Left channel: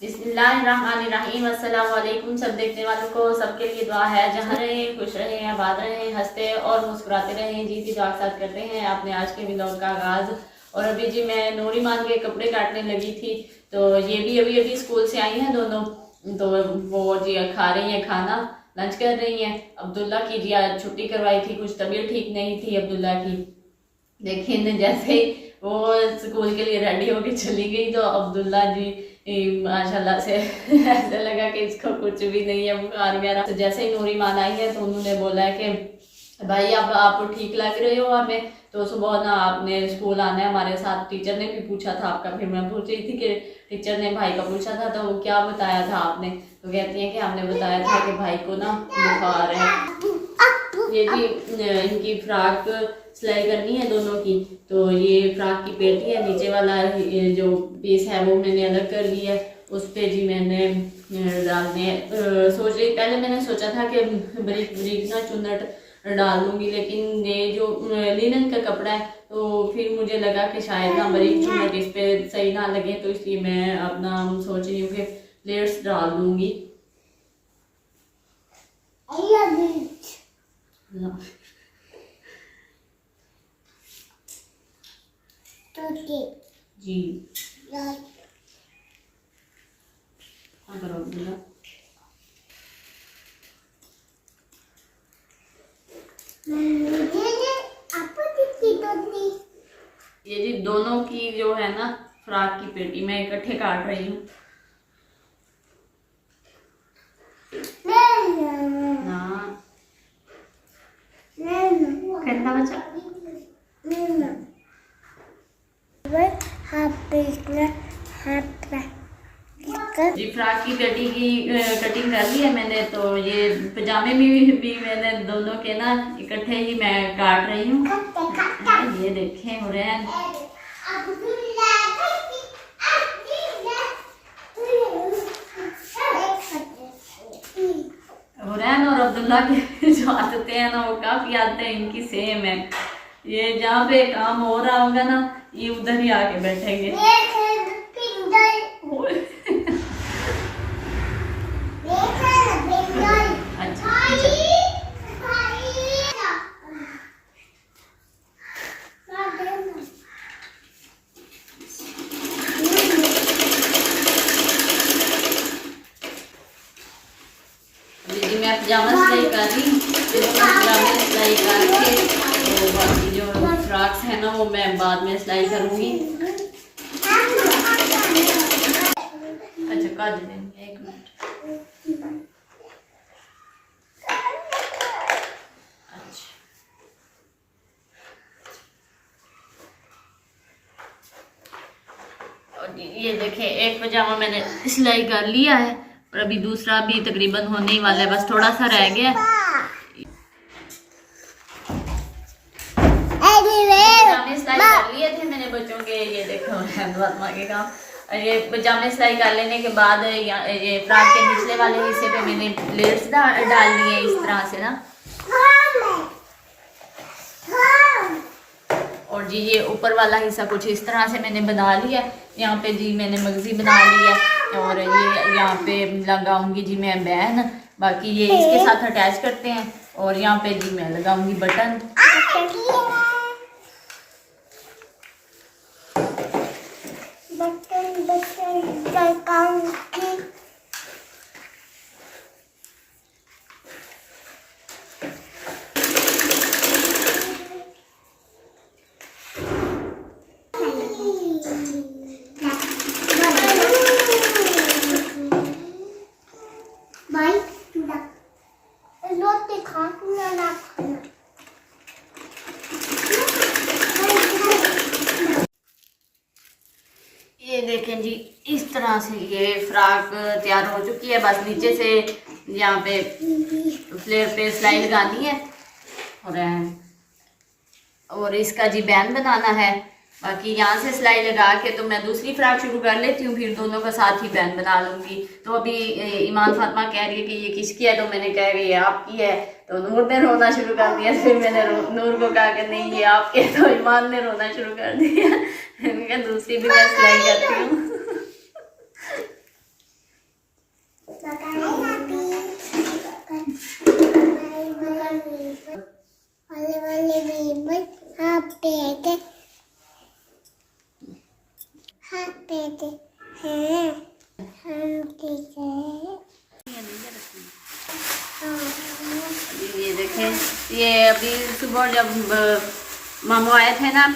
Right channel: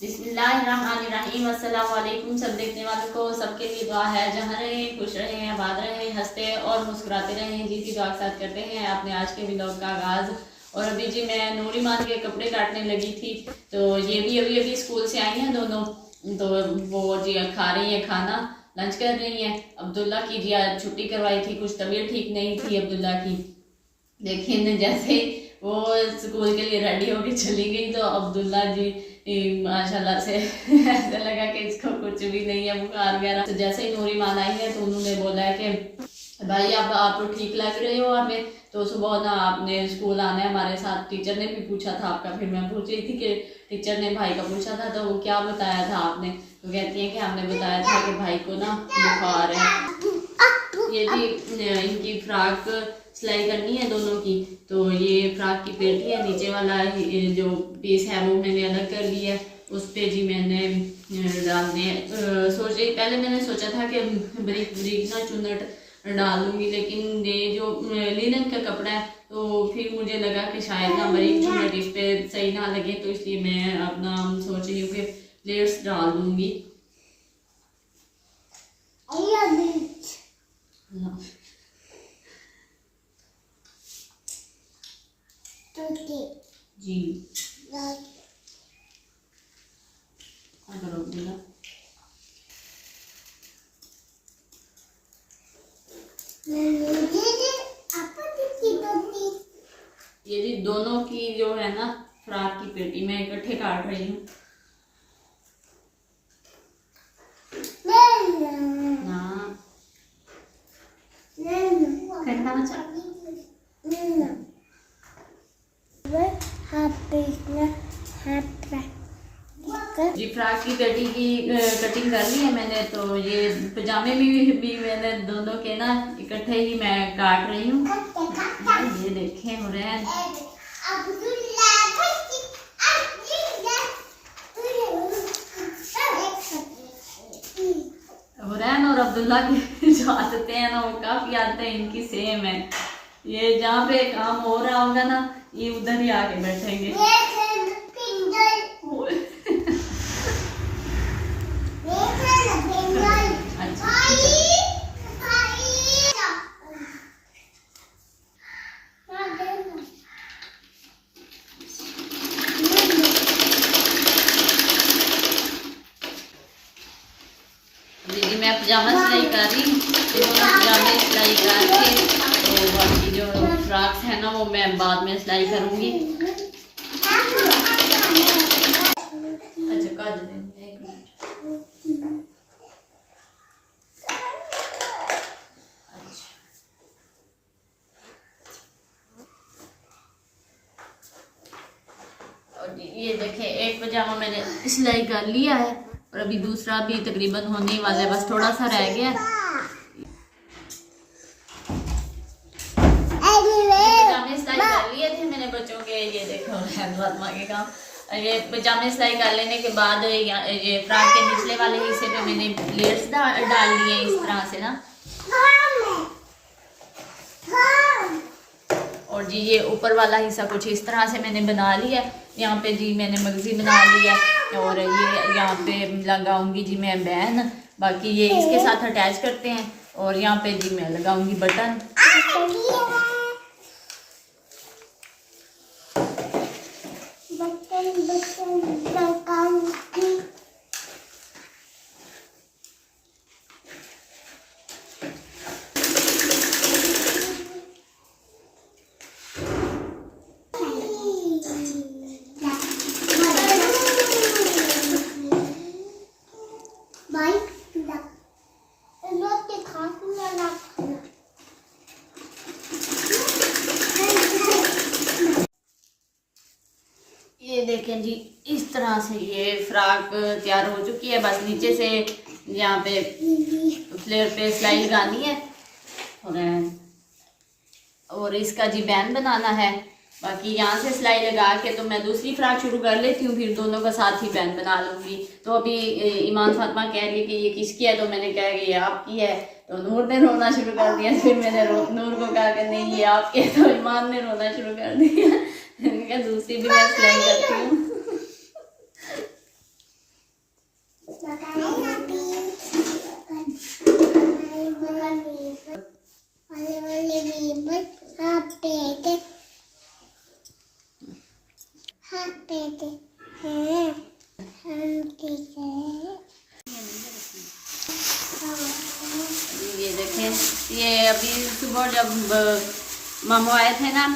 बिस्मिल्लाहिर्रहमानिर्रहीम। अस्सलाम वालेकुम। सब देखने वालों को सबके लिए दुआ है, जहाँ रहें खुश रहें, आबाद रहें, हंसते और मुस्कुराते रहें जी की दुआ के साथ करते हैं आपने आज के व्लॉग का आगाज़। और अभी जी मैं नूरीमान के कपड़े काटने लगी थी, तो ये भी अभी अभी स्कूल से आई हैं दोनों, तो वो जी खा रही हैं खाना, लंच कर रही हैं। अब्दुल्ला की जी आज छुट्टी करवाई थी, कुछ तबीयत ठीक नहीं थी अब्दुल्ला की, लेकिन जैसे ही वो स्कूल के लिए रेडी होके चली गई तो अब्दुल्ला जी माशाल्लाह से ऐसा लगा कि इसको कुछ भी नहीं है बुखार वगैरह। तो जैसे ही नूरीमान आई है तो उन्होंने बोला है कि भाई अब आप ठीक लग रहे हो हमें, तो सुबह ना आपने स्कूल आना है हमारे साथ। टीचर ने भी पूछा था आपका, फिर मैं पूछ रही थी कि टीचर ने भाई का पूछा था तो वो क्या बताया था आपने, तो कहती है कि हमने बताया था कि भाई को ना बुखार है। ये भी इनकी फ्रॉक सिलाई करनी है दोनों की, तो ये फ्रॉक की पेटी है, नीचे वाला जो पीस है वो मैंने अलग कर लिया है, उस पे जी मैंने डालने पहले मैंने सोचा था कि बारीक बारीक ना चुन्नट डाल दूंगी, लेकिन ये जो लिनन का कपड़ा है तो फिर मुझे लगा कि शायद ना बारीक चुन्नट इस पे सही ना लगे, तो इसलिए मैं अपना सोच रही हूँ कि प्लेट्स डाल दूंगी। जी करो बोला। ये जी दोनों की जो है ना फ्रॉक की पेटी मैं इकट्ठे काट रही हूँ ना, कहता बच्चा जी फ्रॉक की पेटी की कटिंग कर ली है मैंने, तो ये पजामे भी मैंने दोनों के ना इकट्ठे ही मैं काट रही हूँ। ये देखें हुरैन और अब्दुल्ला की जो आदतें हैं ना वो काफी आदतें इनकी सेम है। ये जहाँ पे काम हो रहा होगा ना ये उधर ही आके बैठेंगे। जी मैं पजामा सिलाई कर रही हूँ, पजामे सिलाई करके तो बाकी जो फ्रॉक्स है ना वो मैं बाद में सिलाई करूँगी। अच्छा कर देंगे, एक मिनट। अच्छा और ये देखें एक पजामा मैंने सिलाई कर लिया है और अभी दूसरा भी तकरीबन होने ही वाला है, बस थोड़ा सा रह गया। पजामे सिलाई कर लिए थे मैंने बच्चों के, ये देखो फातिमा के काम। ये पजामे सिलाई कर लेने के बाद ये फ्रॉक के निचले वाले हिस्से पे मैंने प्लेट्स डाल लिए इस तरह से ना, और जी ये ऊपर वाला हिस्सा कुछ इस तरह से मैंने बना लिया। यहाँ पे जी मैंने मगजी बना लिया है और ये यहाँ पे लगाऊंगी जी मैं बैन, बाकी ये इसके साथ अटैच करते हैं और यहाँ पे जी मैं लगाऊंगी बटन। ये देखें जी इस तरह से ये फ्रॉक तैयार हो चुकी है, बस नीचे से यहाँ पे फ्लेयर पे सिलाई लगानी है और इसका जी बैन बनाना है। बाकी यहाँ से सिलाई लगा के तो मैं दूसरी फ्रॉक शुरू कर लेती हूँ, फिर दोनों का साथ ही बैन बना लूँगी। तो अभी ईमान फातिमा कह रही है कि ये किसकी है, तो मैंने कहा कि ये आपकी है, तो नूर ने रोना शुरू कर दिया। फिर मैंने नूर को कहा कि नहीं ये आपके, तो ईमान ने रोना शुरू कर दिया। मैंने कहा दूसरी भी मैं सिलाई करती हूँ। ये देखें, ये अभी सुबह जब मामू आए थे ना,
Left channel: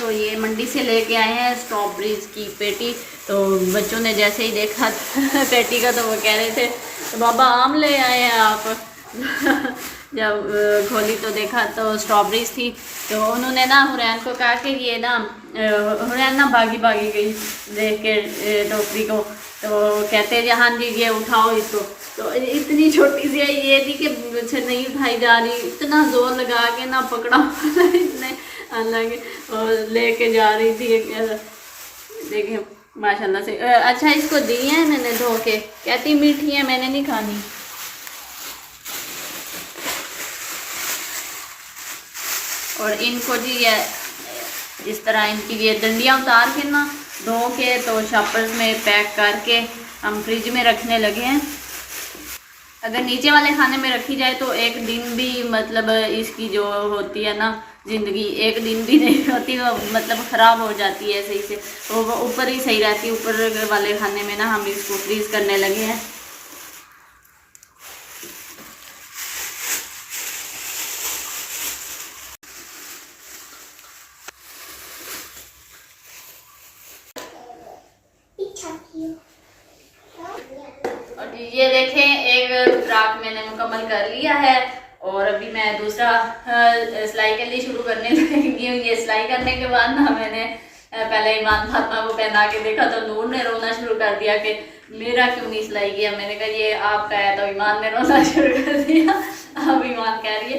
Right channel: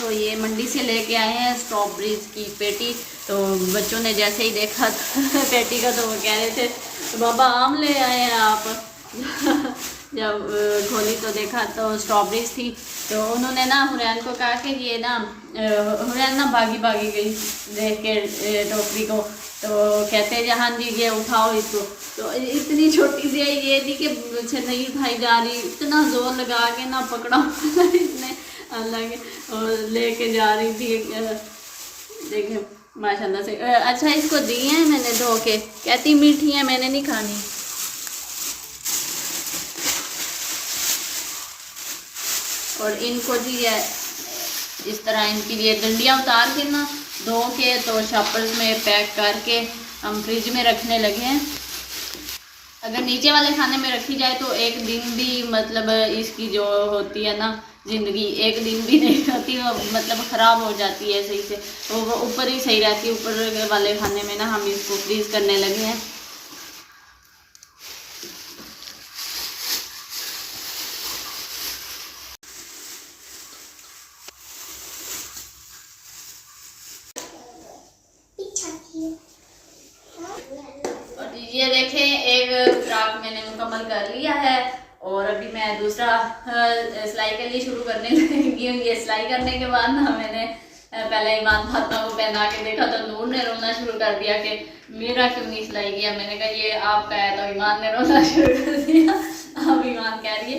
तो ये मंडी से लेके आए हैं स्ट्रॉबेरीज की पेटी। तो बच्चों ने जैसे ही देखा पेटी का, तो वो कह रहे थे तो बाबा आम ले आए हैं आप। जब खोली तो देखा तो स्ट्रॉबेरीज थी। तो उन्होंने ना हुरैन को कहा कि ये ना, हुरैन ना भागी भागी गई देख के टोकरी को। तो कहते हैं हाँ जी ये उठाओ इसको। तो इतनी छोटी सी है ये थी कि मुझे नहीं उठाई जा रही, इतना जोर लगा के ना पकड़ा इसने अलग और लेके जा रही थी। देखें माशाल्लाह से। अच्छा इसको दी है मैंने धो के, कहती मीठी है मैंने नहीं खानी। और इनको जी ये इस तरह इनकी ये डंडियाँ उतार के ना धो के तो शॉपर्स में पैक करके हम फ्रिज में रखने लगे हैं। अगर नीचे वाले खाने में रखी जाए तो एक दिन भी मतलब इसकी जो होती है ना ज़िंदगी, एक दिन भी नहीं होती, वो मतलब ख़राब हो जाती है सही से। तो वो ऊपर ही सही रहती है। ऊपर वाले खाने में ना हम इसको फ्रीज़ करने लगे हैं। और ये देखें एक फ्राक मैंने मुकम्मल कर लिया है और अभी मैं दूसरा सिलाई के लिए शुरू करने लगी हूँ। ये सिलाई करने के बाद ना मैंने पहले ईमान फातिमा को पहना के देखा तो नूर ने रोना शुरू कर दिया कि मेरा क्यों नहीं सिलाई किया। मैंने कहा ये आपका है, तो ईमान ने रोना शुरू कर दिया। अब ईमान कह रही है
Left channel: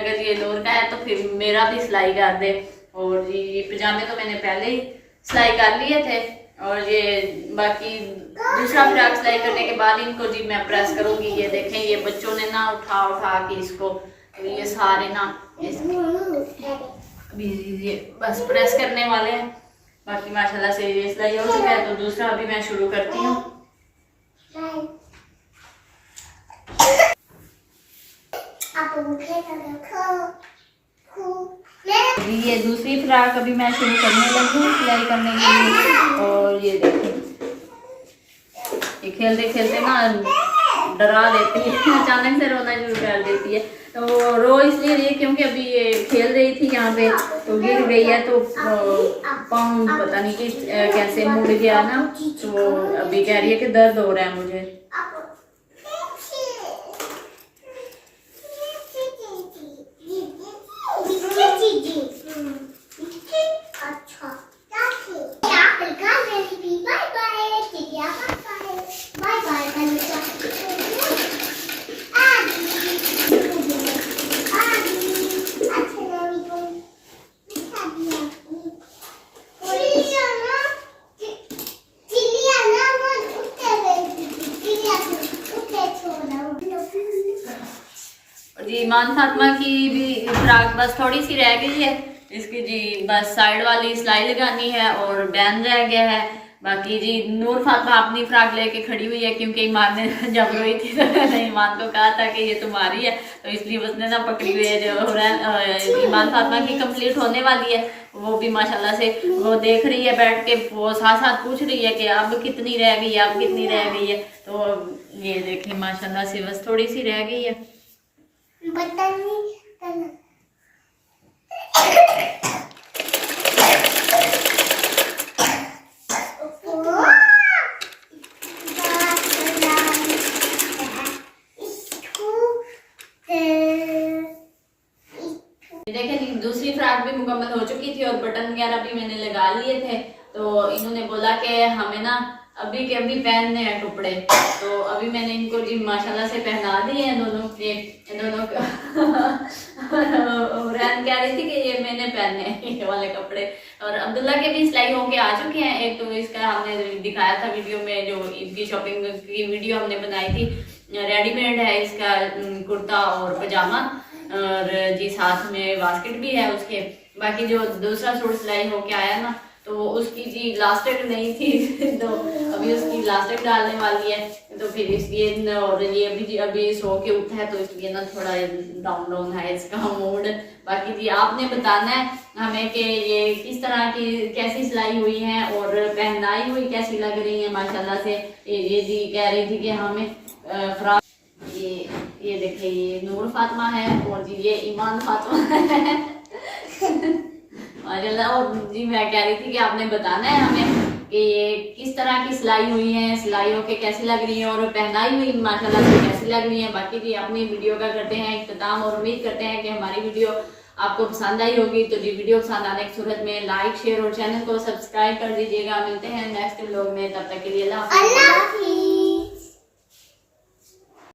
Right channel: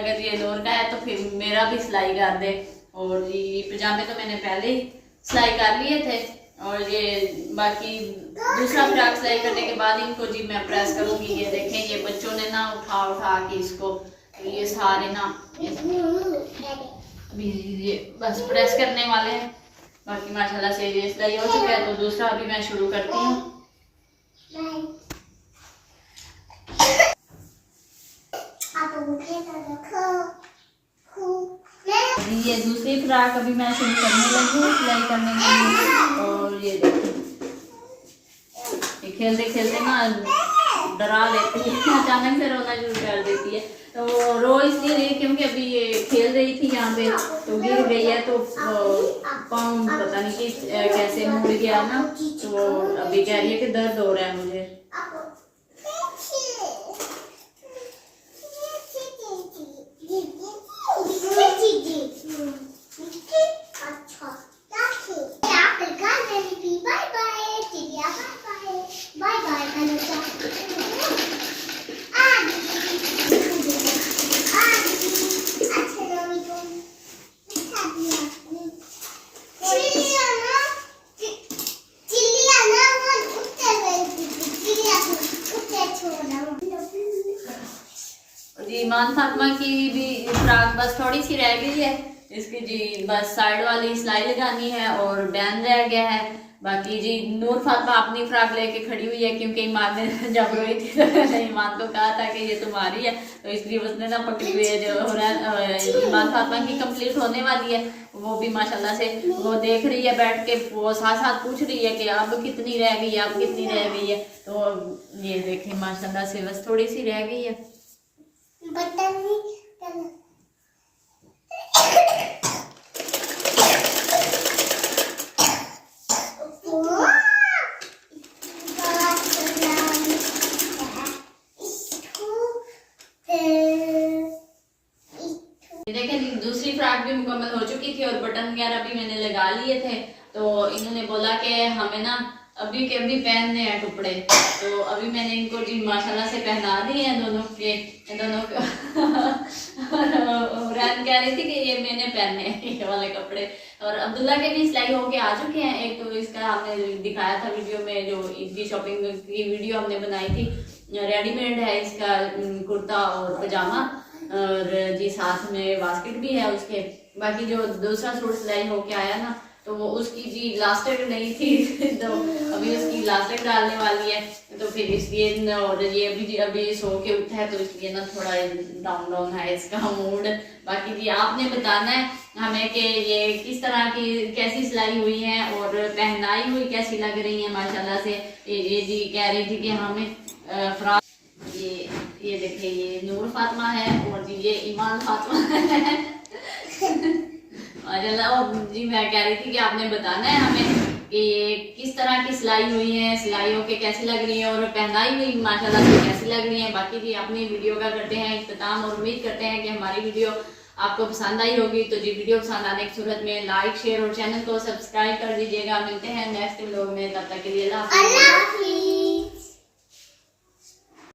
अगर ये नूर का है तो फिर मेरा भी सिलाई कर दे। और ये पजामे तो मैंने पहले ही सिलाई कर लिए थे और ये बाकी दूसरा फ्रॉक सिलाई करने के बाद इनको जी मैं प्रेस करूँगी। ये देखें ये बच्चों ने ना उठा उठा के इसको, तो ये सारे ना अभी ये बस प्रेस करने वाले हैं। बाकी माशाल्लाह से ये सिलाई हो चुका है, तो दूसरा अभी मैं शुरू करती हूँ। अभी ये दूसरी फ्रॉक अभी मैं शुरू करने लगी हूँ सिलाई करने के लिए। और ये देखिए ये खेलते खेलते ना डरा देती है, अचानक से रोना शुरू कर देती है। तो रो इसलिए रही क्योंकि अभी ये खेल रही थी यहाँ पे, तो गिर गई है, तो पाँव पता नहीं कि कैसे मुड़ गया ना, तो वो अभी कह रही है कि दर्द हो रहा है मुझे। जी ईमान फातिमा की भी फ्रॉक बस थोड़ी सी रह गई है, इसकी जी बस साइड वाली सिलाई लगानी है और बैन रह गया है। बाकी जी नूर फातिमा अपनी फ्रॉक लेके खड़ी हुई है क्योंकि ईमान ने जब रोई थी तो मैंने ईमान को कहा था कि ये तुम्हारी है, तो इसलिए उसने ना पकड़ी हुई है। जो ईमान फातिमा की कंप्लीट होने वाली है, वो भी माशाल्लाह से वो देख रही है बैठ के, वो साथ साथ पूछ रही है कि अब कितनी रह गई है, अब कितनी रह गई है। तो ये देखें माशाल्लाह से बस थोड़ी सी रह गई है। देखिए दूसरी फ्रॉक भी मुकम्मल हो चुकी थी और बटन वगैरह भी मैंने लगा लिए थे। तो इन्होंने बोला कि हमें ना अभी के अभी पहनने हैं कपड़े, तो अभी मैंने इनको जी माशाल्लाह से पहना दिए हैं दोनों के हुरैन कह रही थी कि ये मैंने पहने हैं ये वाले कपड़े। और अब्दुल्ला के भी सिलाई होके आ चुके हैं। एक तो इसका हमने दिखाया था वीडियो में, जो इनकी शॉपिंग की वीडियो हमने बनाई थी, रेडीमेड है इसका कुर्ता और पजामा, और जी साथ में बास्केट भी है उसके। बाकी जो दूसरा सूट सिलाई होके आया ना, तो उसकी जी इलास्टिक नहीं थी तो अभी उसकी इलास्टिक डालने वाली है। तो फिर इसलिए और ये अभी सो के उठा है, तो इसलिए ना थोड़ा डाउन डाउन है इसका मूड। बाकी जी आपने बताना है हमें कि ये किस तरह की कैसी सिलाई हुई है और पहनाई हुई कैसी लग रही है माशाल्लाह से। ये जी कह रही थी कि हमें फ्रॉक, ये देखिए ये नूर फातिमा है और जी ये ईमान फातिमा है माशाल्लाह। और जी मैं कह रही थी कि आपने बताना है हमें कि ये किस तरह की सिलाई हुई है, सिलाइयों के कैसी लग रही है और पहनाई हुई माशाल्लाह से कैसी लग रही है। बाकी जी अपनी वीडियो का करते हैं इख्तिताम और उम्मीद करते हैं कि हमारी वीडियो आपको पसंद आई होगी। तो जी वीडियो पसंद आने की सूरत में लाइक शेयर और चैनल को सब्सक्राइब कर दीजिएगा। मिलते हैं नेक्स्ट व्लॉग में, तब तक के लिए अल्लाह हाफिज़।